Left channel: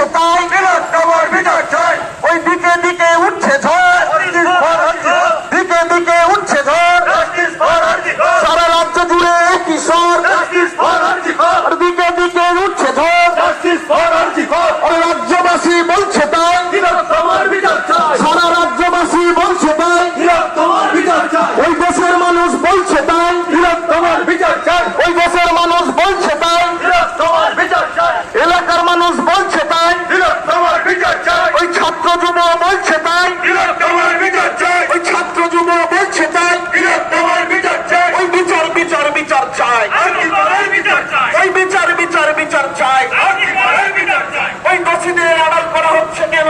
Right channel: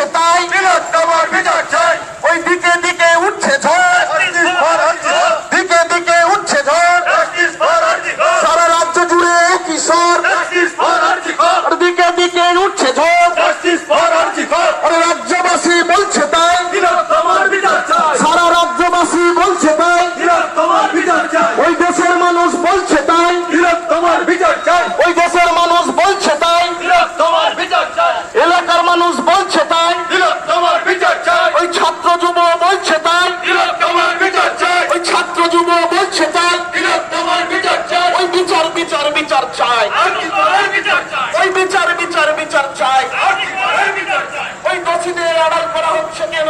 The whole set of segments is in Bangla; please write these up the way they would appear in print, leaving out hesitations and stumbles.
বলছে তাই, তোমার বিচার চাই। ওই দিকে দিকে উঠছে ঝড়, দিকে দিকে উঠছে ঝড়, সারা রাজ্য জুড়ে একই স্বর, আর দিকে দিকে উঠছে ঝড়, আর রাজ্যবাসী বলছে তাই, তোমার বিচার চাই। সারা রাজ্যবাসী বলছে তাই, তোমার বিচার চাই। ওই দেশের মানুষ বলছে তাই, তোমার বিচার চাই। ওই দেশের মানুষ বলছে তাই, তোমার বিচার চাই। এলাকার মানুষ বলছে তাই, তোমার বিচার চাই। ওই ছাত্র যুব বলছে তাই, তোমার বিচার চাই। ওই ছাত্র যুব বলছে তাই, তোমার বিচার চাই। ওই বিচার বিচার বিচার চাই, তোমার বিচার চাই। ওই বিচার বিচার বিচার চাই। তোমার বিচার চাই। ওই দোষীদের আড়াল করা হচ্ছে কেন?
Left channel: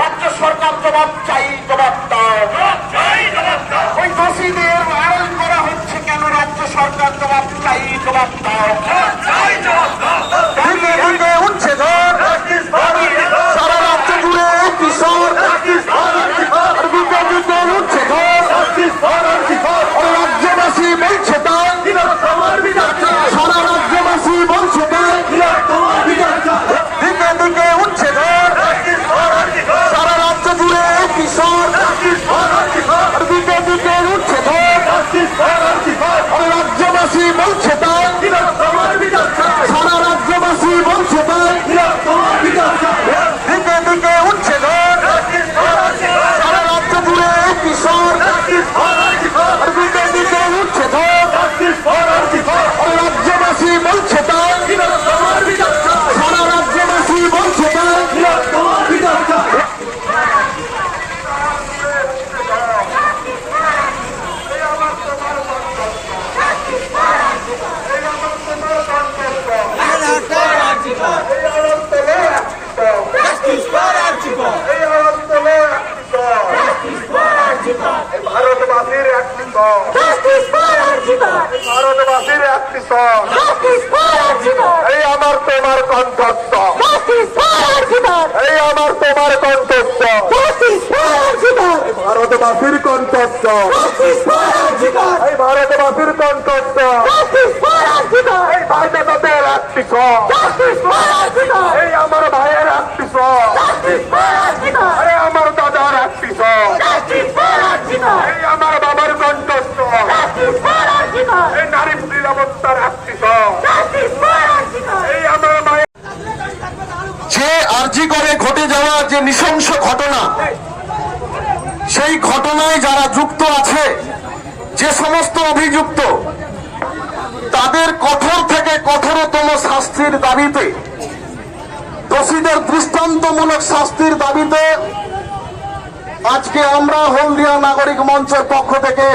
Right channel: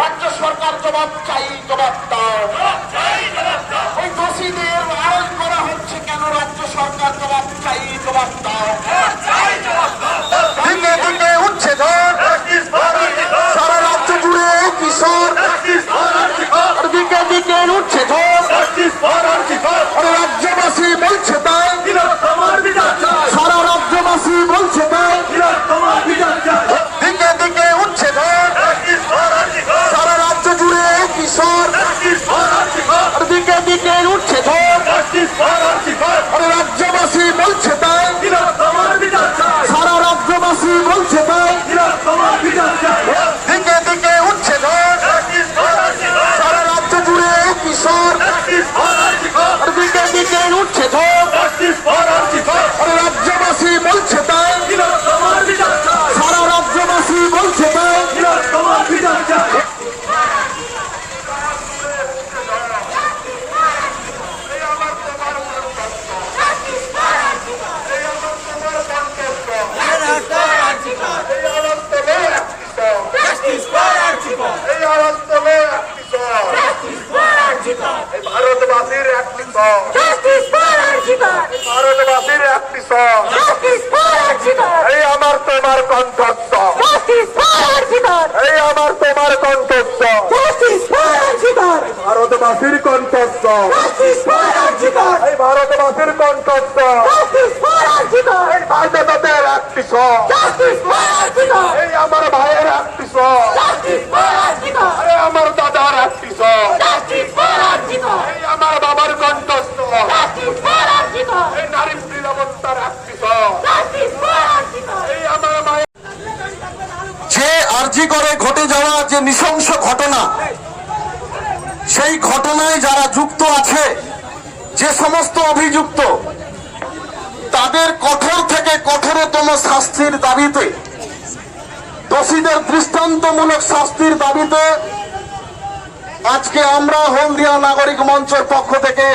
রাজ্য সরকার জবাব চাই, জবাব দাও। ওই দোষীদের আড়াল করা হচ্ছে কেন? রাজ্য সরকার জবাব চাই, জবাব দাও। দিকে দিকে উঠছে ঝড়, সারা রাজ্য জুড়ে একই স্বর, আর দিকে দিকে উঠছে ঝড়, আর রাজ্যবাসী বলছে তাই, তোমার বিচার চাই। সারা রাজ্যবাসী বলছে তাই, তোমার বিচার চাই। দিকে দিকে উঠছে ঝড়, সারা রাজ্য জুড়ে একই স্বর, আর দিকে দিকে উঠছে ঝড়, আর রাজ্যবাসী বলছে তাই, তোমার বিচার চাই। সারা রাজ্যবাসী বলছে তাই, তোমার বিচার চাই। দিকে দিকে উঠছে ঝড়, সারা রাজ্য জুড়ে একই স্বর, আর দিকে দিকে উঠছে ঝড়, আর রাজ্যবাসী বলছে তাই, তোমার বিচার চাই। সারা রাজ্যবাসী বলছে তাই। তোমার বিচার চাই। ভারতবাসীর একটি সং, ভারতবাসীর একটি সং, এই আমার তোমার কণ্ঠস্বর, এই আমার তোমার কণ্ঠস্বর, ভারতবাসীর কণ্ঠস্বর, এই ভারতবাসীর কণ্ঠস্বর, এই ভাই দাদাদের একটি স্বর, এই আমার ভাইয়ের একটি স্বর, এই আমার দাদার একটি স্বর, এই আমার বাবার কণ্ঠস্বর, এই নারী নিরাপত্তার একটি স্বর, এই আমার মায়ের। যে আরজি করে ঘটে যাওয়া যে নৃশংস ঘটনা, সেই ঘটনায় যারা যুক্ত আছে, যে সমস্ত অভিযুক্ত, তাদের কঠোর থেকে কঠোরতম শাস্তির দাবিতে, দোষীদের দৃষ্টান্তমূলক শাস্তির দাবিতে আজকে আমরা হলদিয়া নাগরিক মঞ্চের পক্ষ থেকে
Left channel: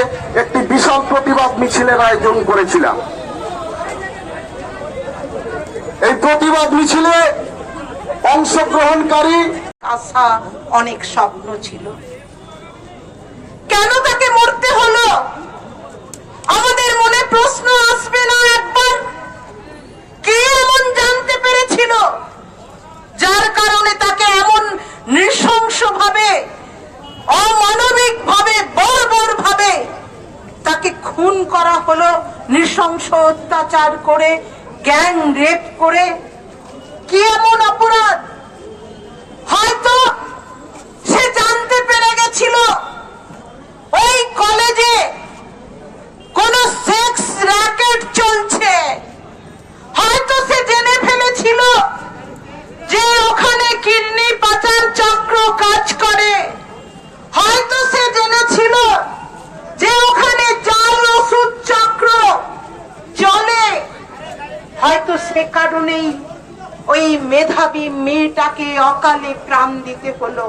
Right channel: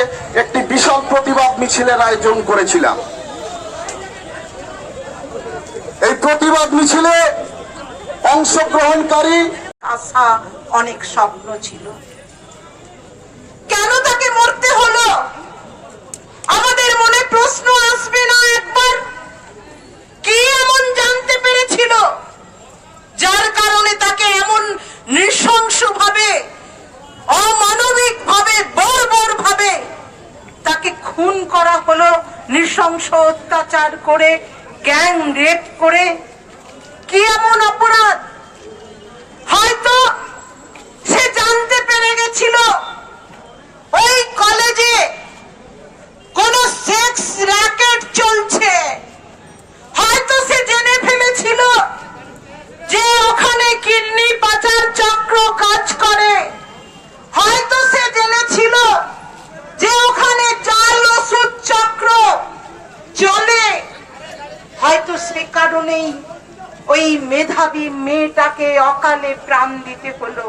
একটি বিশাল প্রতিবাদ মিছিলের আয়োজন করেছিলাম। এই প্রতিবাদ মিছিলে অংশগ্রহণকারী আশা, অনেক স্বপ্ন ছিল। কেন তাকে মরতে হলো? আমাদের মনে প্রশ্ন আসবে না একবার? কি এমন জানতে পেরেছিল যার কারণে তাকে এমন নৃশংস ভাবে, অমানবিক ভাবে, বর্বর ভাবে তাকে খুন করা হলো, নৃশংস অত্যাচার করে, গ্যাং রেপ করে? কি এমন অপরাধ? হয়তো সে জানতে পেরে গেছিল ওই কলেজে কোন সেক্স র্যাকেট চলছে, হয়তো সে জেনে ফেলেছিল যে ওখানে কিডনি পাচার চক্র কাজ করে, হয়তো সে জেনেছিল যে ওখানে জাল ওষুধ চক্র চলে, হয়তো সে কারণেই ওই মেধাবী মেয়েটাকে অকালে প্রাণ দিতে হলো।